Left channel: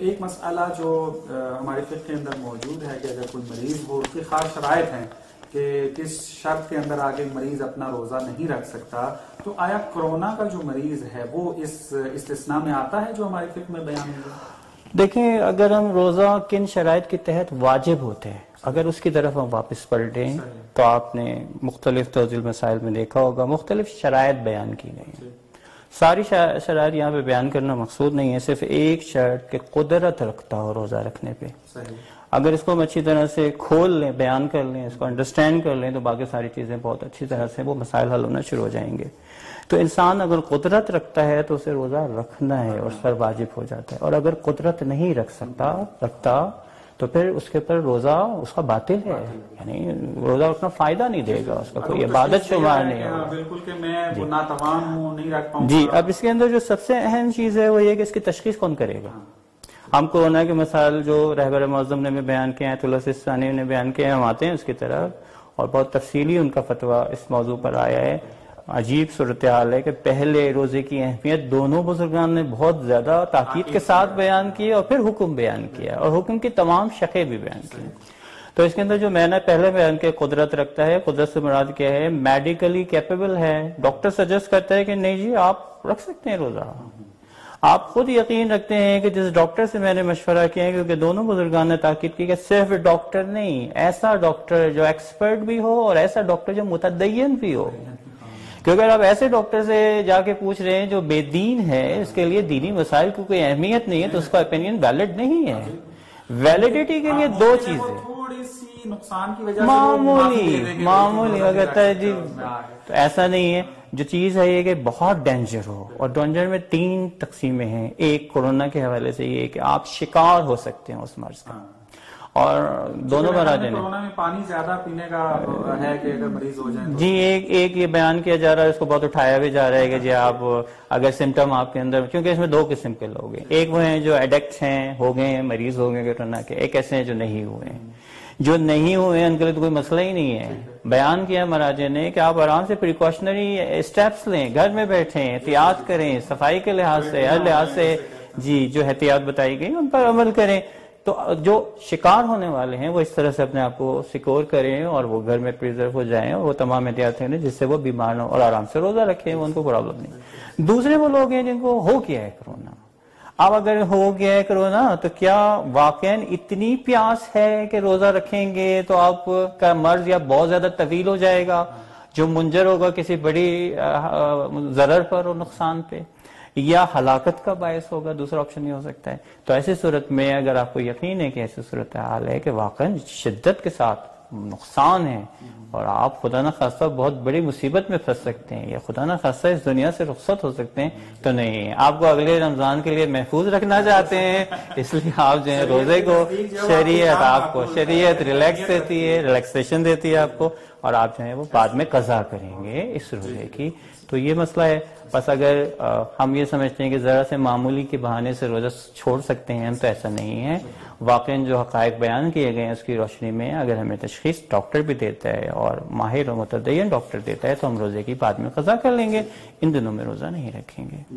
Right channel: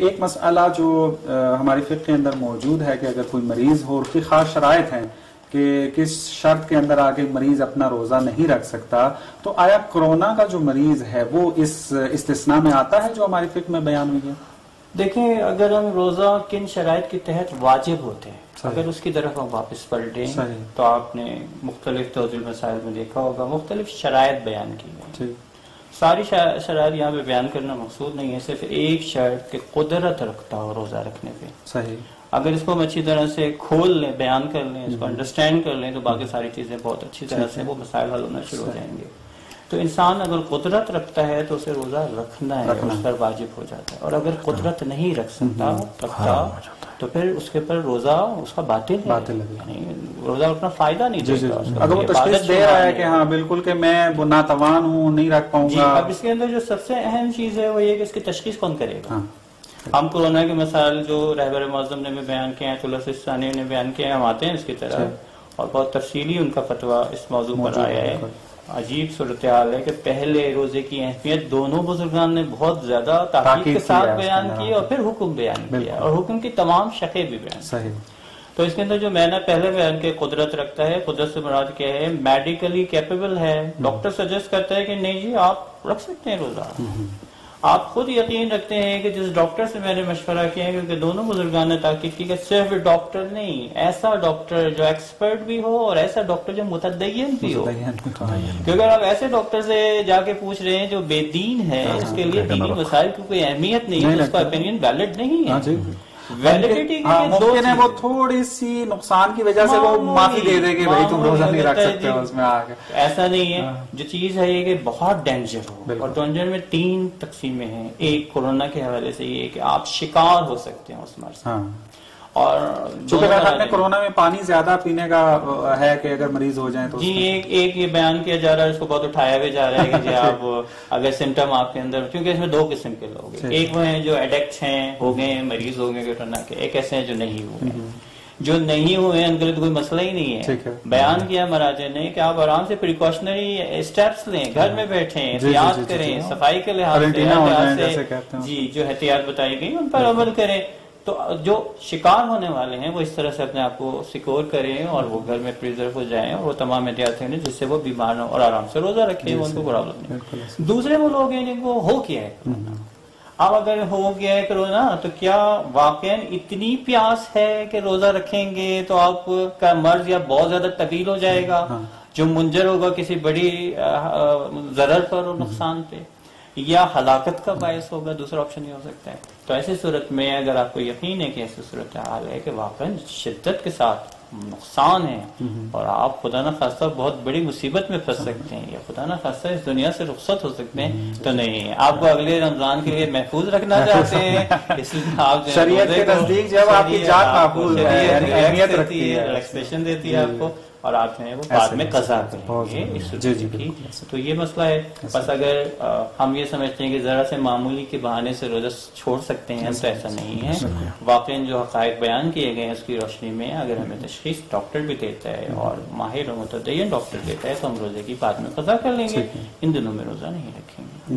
ایک مسئلہ جو ہماری فقہ کے اندر موجود ہے کہ اگر کوئی مریض ہو، اس کی خاص شرائط ہیں کہ کس شرط کے اندر آگے مریض اپنا روزہ نہیں رکھ سکتا، تو آیا کورونا کا جو مریض ہے وہ اس استثناء میں آتا ہے جو ہماری فقہ میں بیان ہوئی ہے؟ دیکھیں، اگر ہم روزہ کن شرائط کے تحت واجب ہوتے ہیں، اگر اس کی طرف ہم واپس پلٹیں تو آپ نے مختلف توضیح مسائل میں دیکھا ہوگا مختلف شرائط بیان کی گئی. ساری شرائط یہاں پہ بیان کرنا مقصود نہیں ہے، صرف ایک شرط کہ قدرت رکھتا ہو روزہ رکھنے کی. اگر اس کو ہم اچھی طرح سے کھول لیں، بیان کر لیں، اس کو انڈرسٹینڈ کر لیں تو باقی ساری چیزیں بہت اچھی طرح سے وہ مسائل حل ہونا شروع ہو جائیں گے. تو انسان اگر قدرت رکھتا ہے تو اسے روزہ رکھنا ہے، اس پر واجب ہو جاتا ہے. اور اگر قدرت نہیں رکھتا تو پھر اس کے پر روزہ اس کا باطل ہے، یعنی روزہ اپنا فائدہ نہیں دے گا. اگر وہ تشخیص دے رہا ہے کہ ہاں بالکل کہ میں ناتوان ہوں، نہیں رکھ پاؤں گا. اب اس کے اندر جو سب سے اہم چیز ہے وہ یہ کہ اس کی تشخیص کون کرے گا. ہم کورونا کے مسائل جو رہبر معظم نے بھی بیان کیے ہیں، طلسہ ثانی نے بیان کیے ہیں، ہم آتے ہیں اس کی طرف اور بہت تفصیلی ان کا فتویٰ اس موضوع پر آیا ہے. عجیب صورتحال ہے کہ پہلے روزے کی اہمیت دونوں بزرگان نے بہت زیادہ تحقیق کے ساتھ بیان کی اور پھر حکم بیان کیا اور حکم کی تمام شقیں بھی بیان کی. تو اس کے اندر جو میں نے پہلے بیان کیا قدرت رکھتا ہے، قدرت سے مراد کیا ہے؟ میڈیکلی کیپیبل ہے. ڈاکٹر سجیسٹ کرتا ہے کہ نہیں جی آپ رکھ سکتے ہیں روزہ. آپ خود یقین رکھتے ہیں کہ جس ڈاکٹر سے میں نے مشورہ کیا ہے، کیونکہ دونوں بزرگان نے تاکید کی کہ صرف ڈاکٹر نہیں، ایسا ڈاکٹر جو ایکسپرٹ بھی ہو اور ایسا ڈاکٹر جو متدین بھی ہو. کیونکہ اگر آپ ایسے ڈاکٹر سے جا کے پوچھ رہے ہیں جو بے دین ہے، اس کے لیے دینی مسائل کی کوئی اہمیت نہیں ہے، تو اس کا اوپینین ویلڈ نہیں ہے. ویلیڈیٹی کے لیے دو چیزیں، وہ تھوڑی سی نقصان کی وجہ سے وہ معافی دے دے کہ تم روزہ نہیں رکھ سکتے اس میں آگے. ایسا نہیں ہے. جو چیز ہے یہ کہ بہت ڈینجر ہو، اور ڈینجر میں 3 تقسیمیں ہیں. ایک کورونا کے حوالے سے یہ کہ آپ شکار ہو سکتے ہیں اس مرض سے، اور کورونا میں پانی زیادہ پینے کا ہے کہ اگر مریض ہو جائیں تو جی ایک یہ بیان کیا جا رہا ہے، اس کو بہت اٹھایا بھی جا رہا ہے کہ جی آپ اگر سمٹم آپ کے اندر، کیونکہ اس میں 2 قسم کے لوگ ہیں. ایک وہ ہیں جو ایڈکٹ ہیں، ہو گئے ہیں، مریض ہو گئے کورونا کے. ایک ایسے ہیں جو نہیں ہوئے ہیں. جو نہیں ہوئے ہیں ان کے لیے تو کوئی مسئلہ ہی نہیں ہے. بیان کیا مراجع نے کہ آپ آرام سے پریکاشنری اسٹیپس لیں، گھر میں بیٹھیں، احتیاط کریں، صفائی کے لحاظ سے جی جو احتیاط بتائی گئی ان پر عمل کریں. تو جو شکار ہونے والے ہیں وہ اس طرح سے اپنے آپ کو سیکور کریں اور وہ گھر میں پریزرو ہو جائیں اور وہ تمام احتیاطیں لیں جس سے وہ بیمار نہ اور آرام سے روزہ رکھیں، ان کو پرابلم نہیں. دوسرے وہ لوگ ہیں جن کو ہو گیا ہے کرونا. اب اگر ہو گیا ہے کرونا تو کیا واقعاً اتنی پیاس ہے کہ روزہ رکھیں گے تو آپ کا مرض یا بہت زیادہ طویل ہو جائے گا جو منجر ہوگا کسی بڑی ضرر پر اور نقصان پہ، یا ہلاکت کا باعث ہوگا؟ دوسرا آپشن یہ ہو سکتا ہے. تو ایسی صورت میں اگر آپ کو یقین ہے کہ ایسی صورتحال ہے کہ واقعا شدت کے ساتھ نقصان ہے اور آپ خدا نہ خواستہ بہت بڑی مصیبت میں پھنس سکتے ہیں یا خدا نہ خواستہ اس دنیا سے رخصت ہو سکتے ہیں، تو نہیں، آپ کو اگلے رمضان کے لیے محفوظ رکھنا چاہتے ہیں، اس لیے آپ ریلیکسیشن دیتی ہے آپ کو اور آپ جو ہے وہ بعد میں قضا کریں گے اس روزے کی. تو یہ مسئلہ ہے. بس اگر ہم یہ سمجھتے ہیں کہ ذرا سے معمولی کے بہانے سے روزہ چھوڑ سکتے ہیں تو ایسا نہیں ہے. واقعا جو حقائق بیان کیے گئے ہیں اس کی روشنی میں اگر ہمیں تشخیص ڈاکٹر بھی دیتا ہے اور ماہر اور متدین ڈاکٹر دیتا ہے تو ہم روزے کی بعد میں قضا کر لیں گے. ان دنوں میں روزہ نہیں رکھیں گے.